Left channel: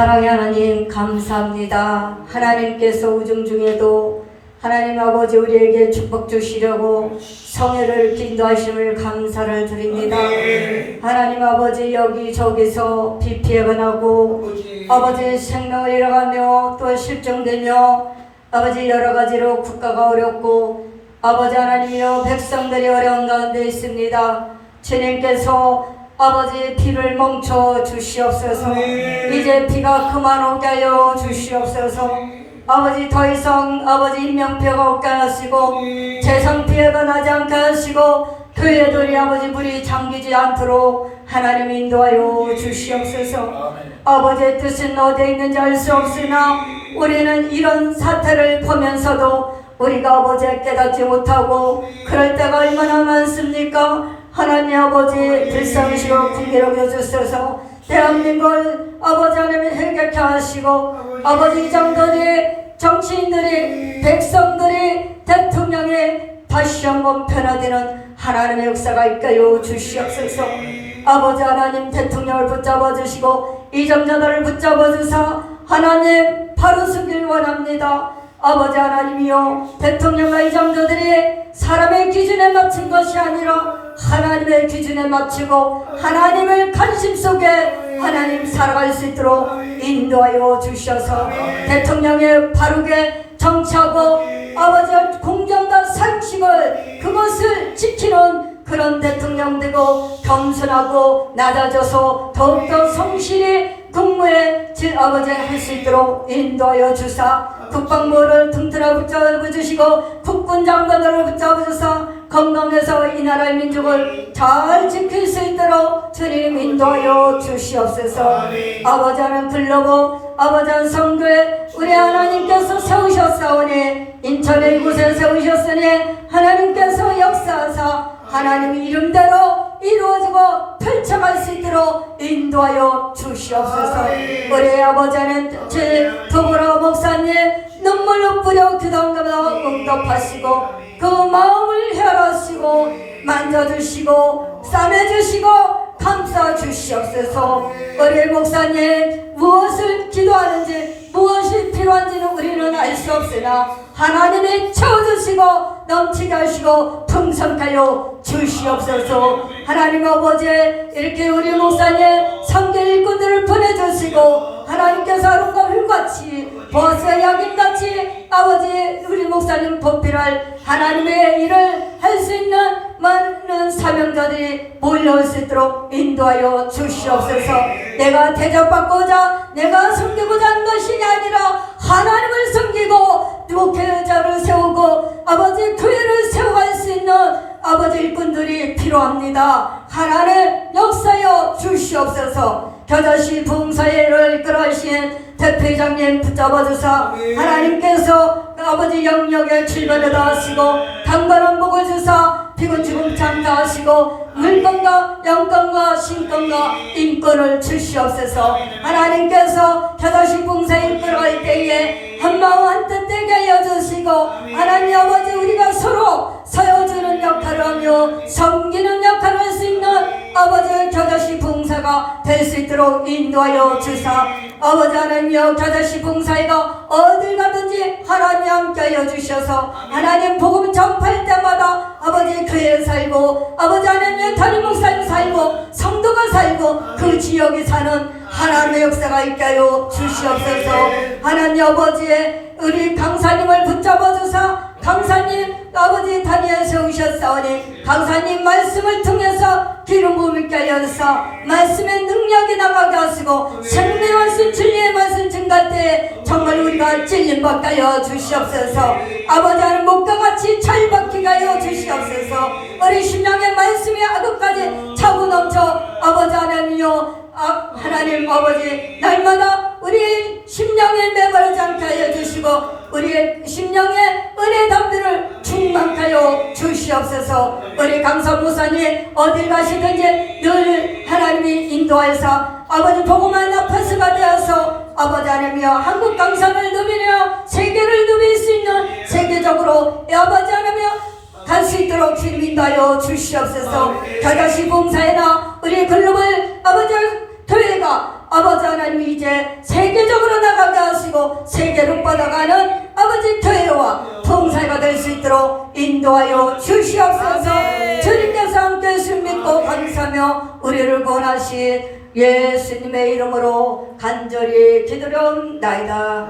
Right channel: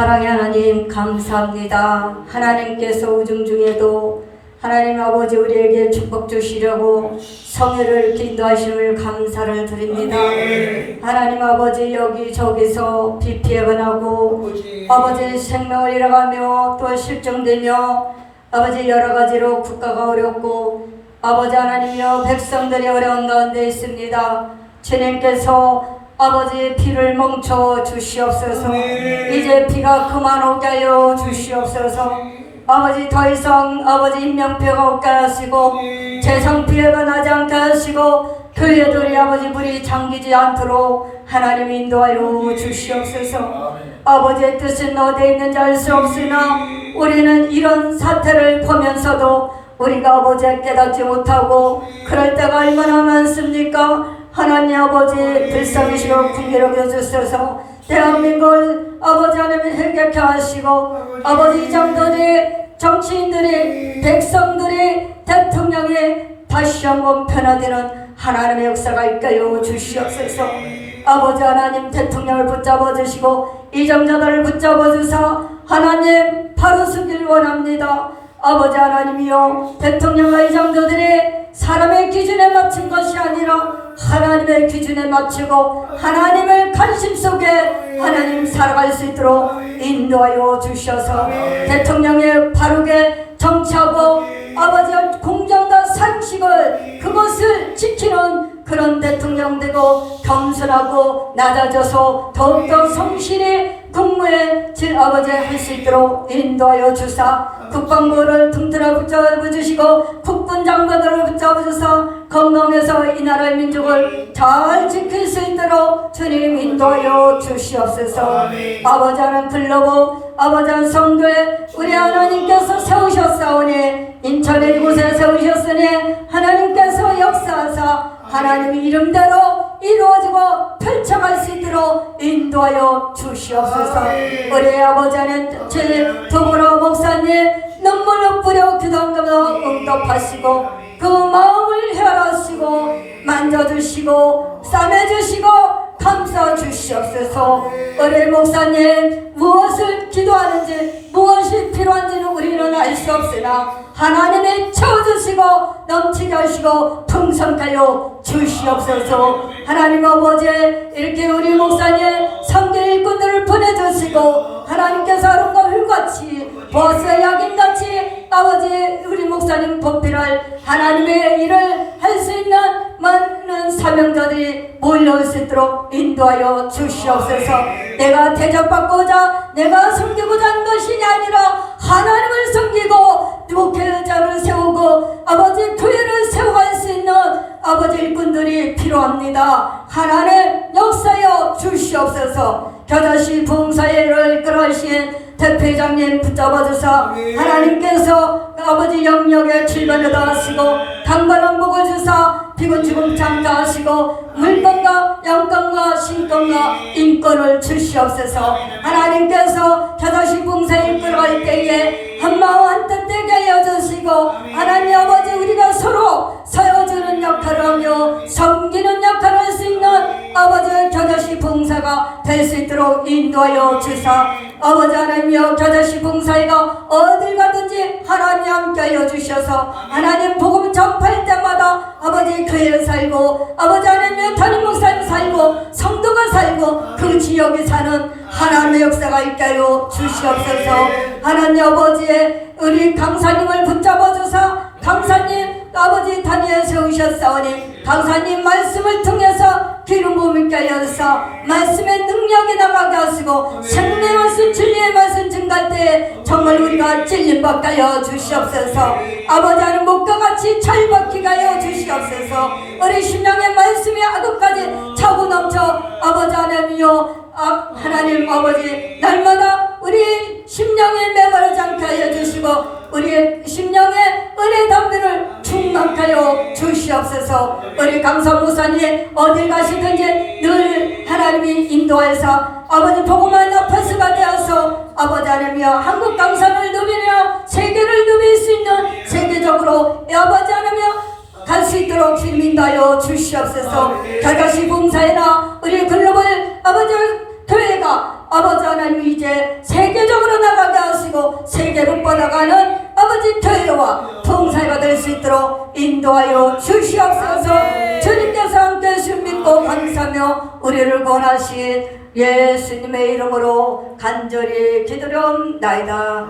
사랑의 하나님 감사합니다. 하나님께서 우중 중에도 하나님 아버지 우리에게 축복 주시려고 성회를 기도하심을 감사를 드립니다. 하나님 아버지 여기 저기서 비 피해가 나고 아버지 생명을 잃어가며 또 실종되며 아버지 여러 가지로 국가가 어렵고 아버지 하나님이여 백성들이 어려운 가운데 있습니다. 주님께서 아버지 피를 멈춰 주시옵소서. 이제 비가 그만 오게 하여 주시옵소서. 아버지 더 이상 아버지 인명피해가 없게 하시고 재산 피해가 나지 않게 하시고 교회들이 아버지 물이 잠기지 않도록 하나님 인도하여 주시옵소서. 아버지의 뜻은 어디에 있는지 알 수 없으나 우리는 이런 사태를 보면서도 우리가 아버지를 깨닫지 못하고 그럴 때가 얼마나 많습니까? 하나님 아버지 불쌍히시고 불길하게 여주소서. 대한민국을 아버지 하나님 해결케 하시고 아버지 장들이 정치인들이 백성들이 대통령이 다시 한번 변화되는 하나님의 역사가 있게 주시옵소서. 아버지 하나님 대통령을 붙잡아 주시고 이정자들을 붙잡아 주사 하나님 바로 서길 원합니다. 아버지 하나님이요 대통령과 이정자들이 사람의 기준에 아니라 하나님의 기준에 맞추고 하나님을 관심 속에 하나님 살아갈 수 있도록 인도하여 주셔서 대통령의 바르게 정치하고 아버지 공정과 상식을 그것을 지키는 그런 대통령 되고 겸손하고 낮아져서 더욱더 성실히 국무에 제 아버지 할 수 있도록 인도하여 주사 국방부를 튼튼하게 붙잡아 주시고 국군 장관들을 붙잡아 주사 건강해서 이 나라의 민족을 잘 지킬 수 있도록 주님 인도하여 주시옵소서. 아버지 하는 글로버 아버지 한 성교회 우리 하나님께서 세우셨사오니 인천에 이곳에 세우셨으니 하나님께서 역사하사 하나님의 이름대로 이루어지고 펼쳐갈 수 있도록 인도하여 주시옵소서 우리 아버지는 제 두보라 목사님 눈물로 뿌려 기도하며 응답하시고 그 마음을 헤아라시고 만져주시고 싸매주시고 감싸 주시옵소서. 우리 목사님 무엇을 기도하는지 무엇이 필요한지는 우리는 알 수 없으나 하나님이 채워주시고 넘치게 하시고 풍성케 하여 주시옵소서. 하나님 아버지 이렇게 우리 목사 인도하여 주시옵소서. 내가 대접받고자 내가 섬기고자 하는 것이 아니라 하나님을 섬기고 목회자를 세우고 아버지 교회를 세워갈 수 있는 아버지 일꾼들이 필요합니다. 하나님 역사여 주시옵소서. 겨자씨 봉사회를 이끌어가신 대표장님 붙잡아주사 하나님께서 아버지 영역에 출변을 하시고 당관한 복을 주사 피곤 장가하시고 물건과 영건과 신건과 인권을 주시옵소서. 하나님께서 겨자씨 봉사에 이끌어갈 때에 한마음 한뜻 되게 하여 주시고 하나님 아버지 우리가 서로 서여주는 역할을 하며 있도록 인도하여 주사 아버지 하나님여 겨자씨 봉사회가 어딜 가든지 하나님 함께 하여 주셔서 하나님 복음 전파할 때마다 아버지 교회를 살고 아버지 하나님의 담임 목사님 살고 성도가 살고 그 지역에 사는 하나님의 역사가 있게 하여 주시옵소서. 하나님 아버지의 우리 강사님을 붙잡아 주사 강사님 아버지 다니엘 세우셨사오니 강사님 말씀을 통해 서 기름 부음 있게 하여서 말씀의 능력이 나가게 하시고 생명 말씀 진리의 말씀 증가할 때 정말 우리가 찔림 받게 하여 주시옵소서. 아버지 하는 목과 같이 잘 받게 하여 주시옵소서. 우리 신령의 말씀이 아도까지 차고 넘쳐 아버지 하나님이여 아, 하나님 아버지 날마다 우리 심령에 내버리지 않게 하여 주시고 우리의 심령에 인정하여 주시옵소서. 우리 강성 목사님 어딜 가시든지 늘 하나님이 인도하사 아버지 보고만 나파스가 되어서 아버지 하나님여 한국 강성을 누비며 세계를 누빌 수 있는 세계적으로 아버지 하나님여 갈 수 있도록 주님 인도하여 주시옵소서. 다가시 봉사에나 우리 글로벌 아버지 교회가 아버지 하나님 이제 세계적으로 나가게 하시고 세계로 뻗어가는 인도하여 주시옵소서. 주님께서 함께 주 믿고 감사하며 우리를 권하신 예수님의 이름으로 간절히 기도령나이다